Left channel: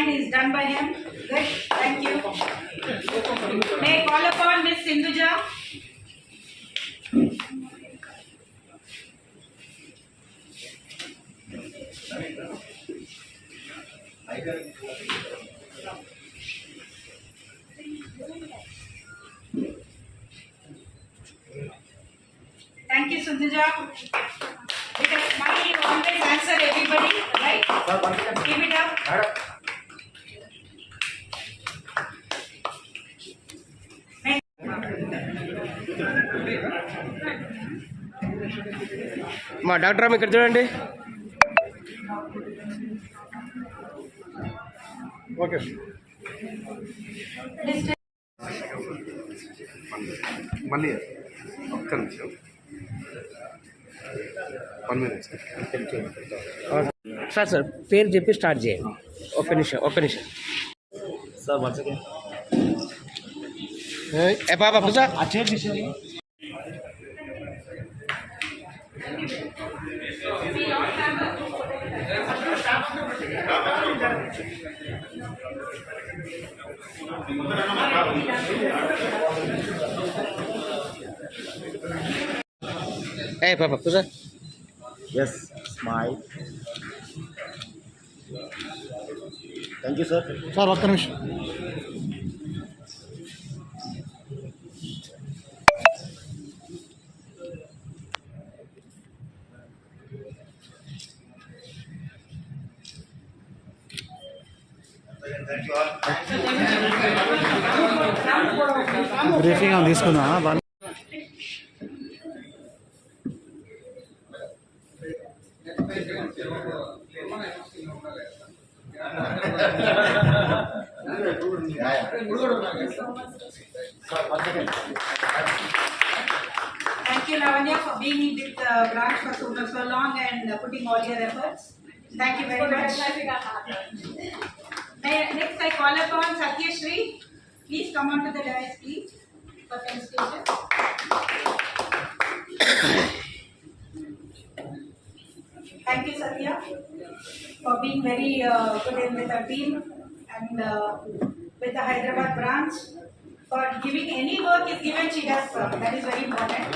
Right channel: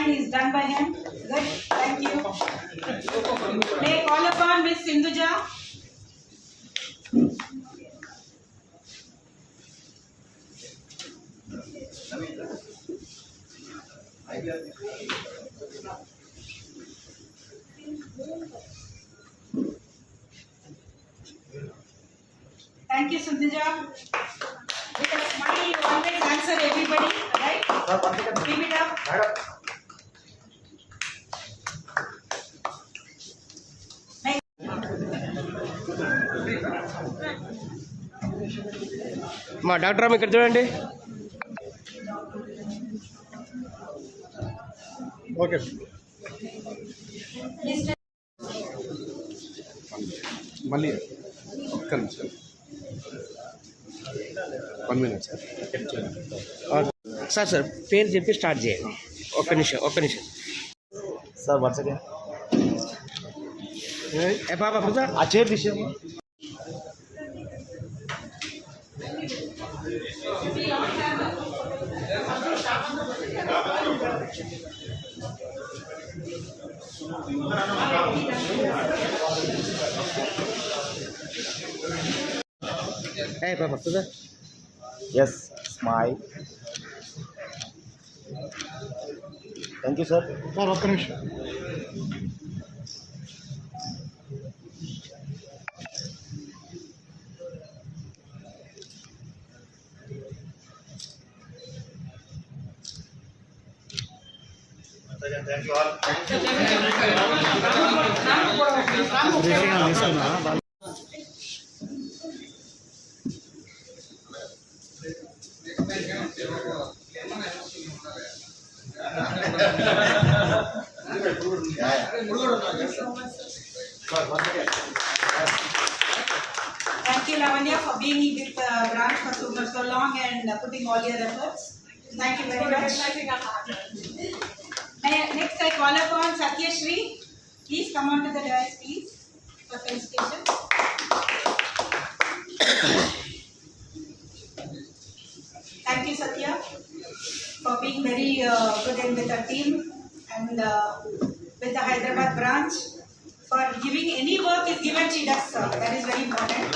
sign is done by him. Good. Thank you. May I call upon Miss Sindhuja? Thank you, Sindhuja. Because smile, you always answer everybody, right? Give it up. మా doctor అమ్మ ఇక్కడ చూడండి. Okay మళ్ళీ ఒక్క నిమిషం 1 minute sir sir పేరు చెప్పి start చేయండి. ఒక్క నిమిషం సార్ వన్స్ అగైన్ ఏ బాబా సార్ ఆ చైర్ తీసేయండి. ఏ Baba sir yes smile. Thank you sir. Sir ఒక్క నిమిషం. బ్రీఫింగ్ తీసుకున్నా. Thank you, Lavanya, for being with the branch for so long and putting all your efforts. Thank you very much. Next, I call upon Satya Shri. Please come on to the dais, please, for felicitation. Thank you, Satya, for being very good in with our team and with the Hyderabad branch. For giving any work is given, she does. That is very important.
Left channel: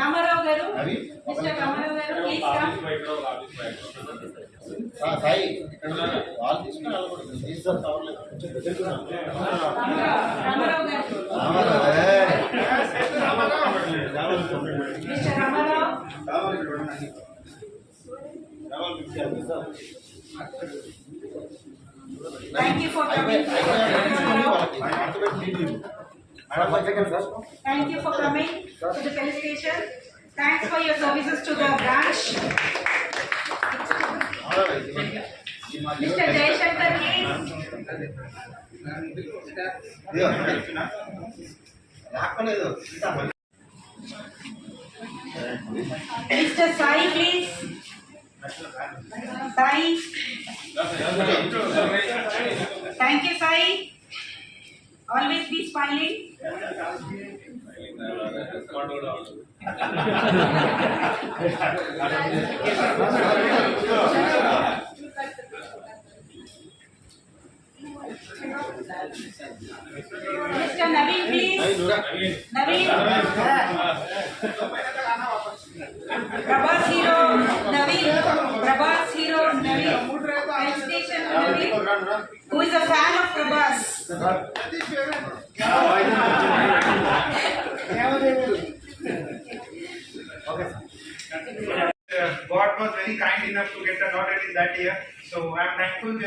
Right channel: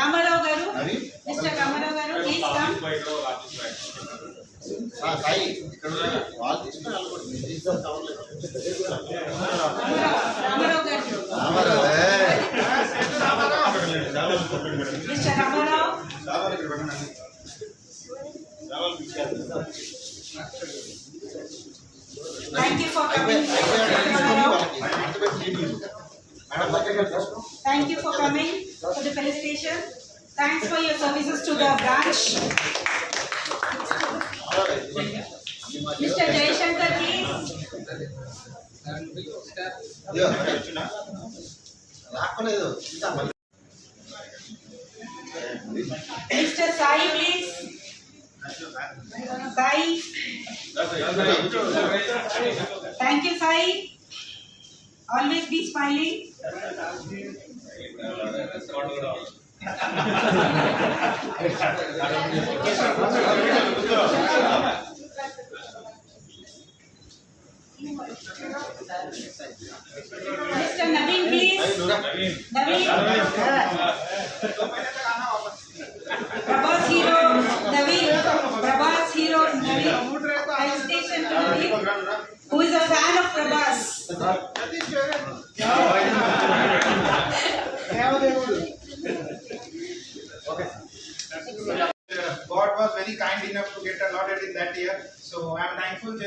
Ramarao Garu, Mr. Ramarao Garu, please come. Sai ఇక్కడ వాళ్ళు తీసుకుని వెళ్ళకూడదు. Ramarao Garu. Mr. Ramarao. Thank you for coming. Thank you for coming to the felicitation. Thanks for your services to the branch. Mr. Jaishankar, please. Mr. Sai, please. Sai. Thank you, Sai. Always be smiling. Mr. Naveen, please. Naveen. Prabhas Hero Naveen. Prabhas Hero Naveen. Felicitation to Naveen, who is a fan of Prabhas. God was very kind enough to get allotted in that year. So I am thankful to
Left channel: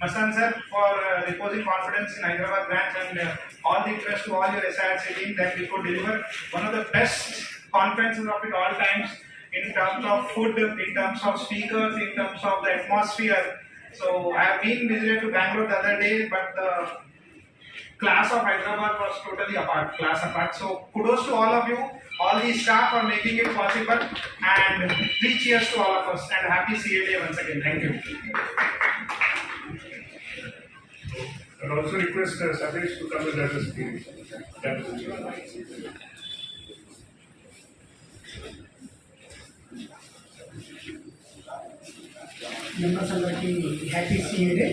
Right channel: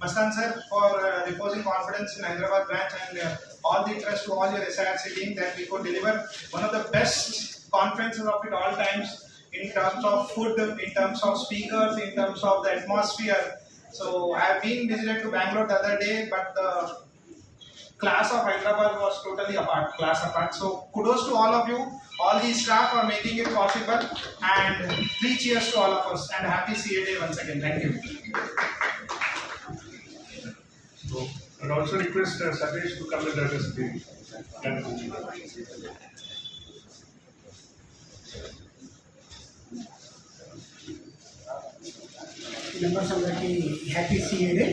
Mastan sir for reposing confidence in Hyderabad branch and all the trust to all your SIRC team that we could deliver one of the best conferences of it all times in terms of food, in terms of speakers, in terms of the atmosphere. So I have been visited to Bangalore the other day, but the class of Hyderabad was totally class apart. So kudos to all of you, all the staff for making it possible, and 3 cheers to all of us and happy CA Day once again. Thank you. And also request Satish to come and address the members అందరికీ happy CA day.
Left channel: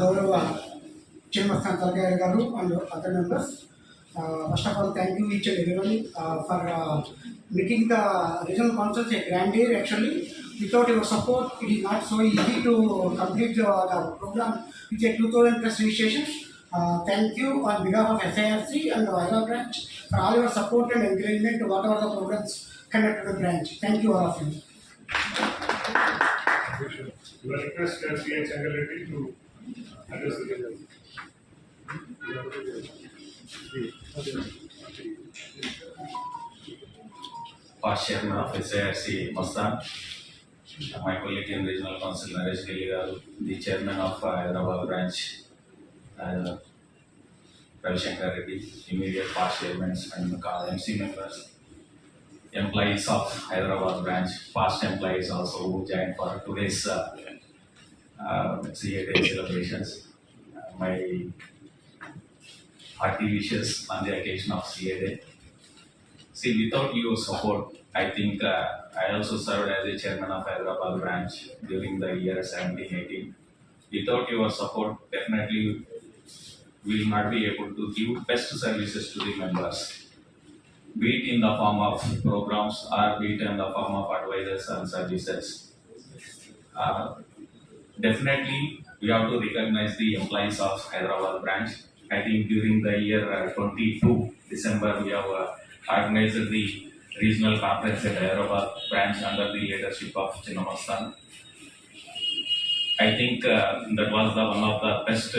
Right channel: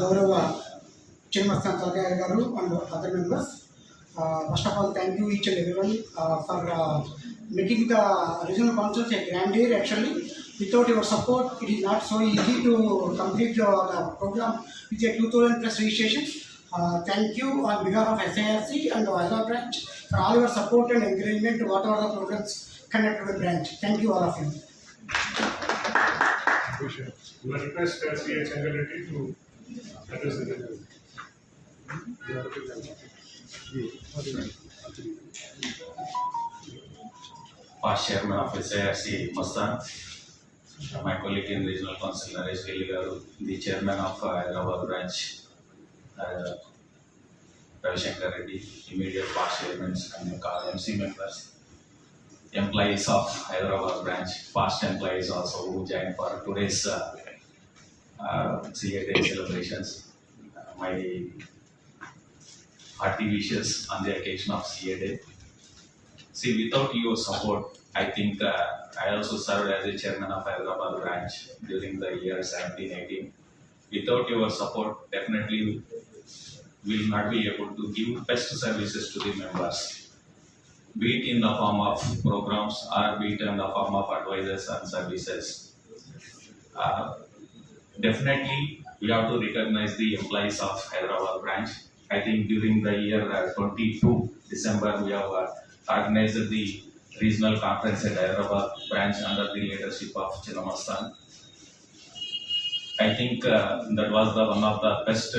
గౌరవ చిన్నమస్తాన్ తలకాయ గారు and other members, first of all thank you each and everyone for making the regional councils a grand year. Actually, without your support, it is not so easy to complete the program with a 2000 plus registrations. Thank you on behalf of SIRC and the Hyderabad branch for all your support and encouragement to whatever the programs conducted with branch. Thank you all of you. We request C.H. Changareddy to address the general. Past Chairman of SIRC Mastan, my colleague in Regional Council Naresh Gilli garu, the Chairman of Hyderabad branch, Ravishankar Reddy, immediate past chairmen and MC members, employees of Hyderabad branch, past employees also who joined for today's CA Day celebrations. My hearty wishes on the occasion of CA Day. See, without your support, I think I also served as a chairman of Hyderabad branch during the year 17-18. Without your support, definitely we will not be able to give best services to the members, be it in the form of programs or be it in the form of advisors and services. Definitely, we have to recognize the employees of Hyderabad branch. I think during the year 22 December, we have organized the regional conference at Hyderabad branch under the leadership of Chinnamastan. I think that was one of the best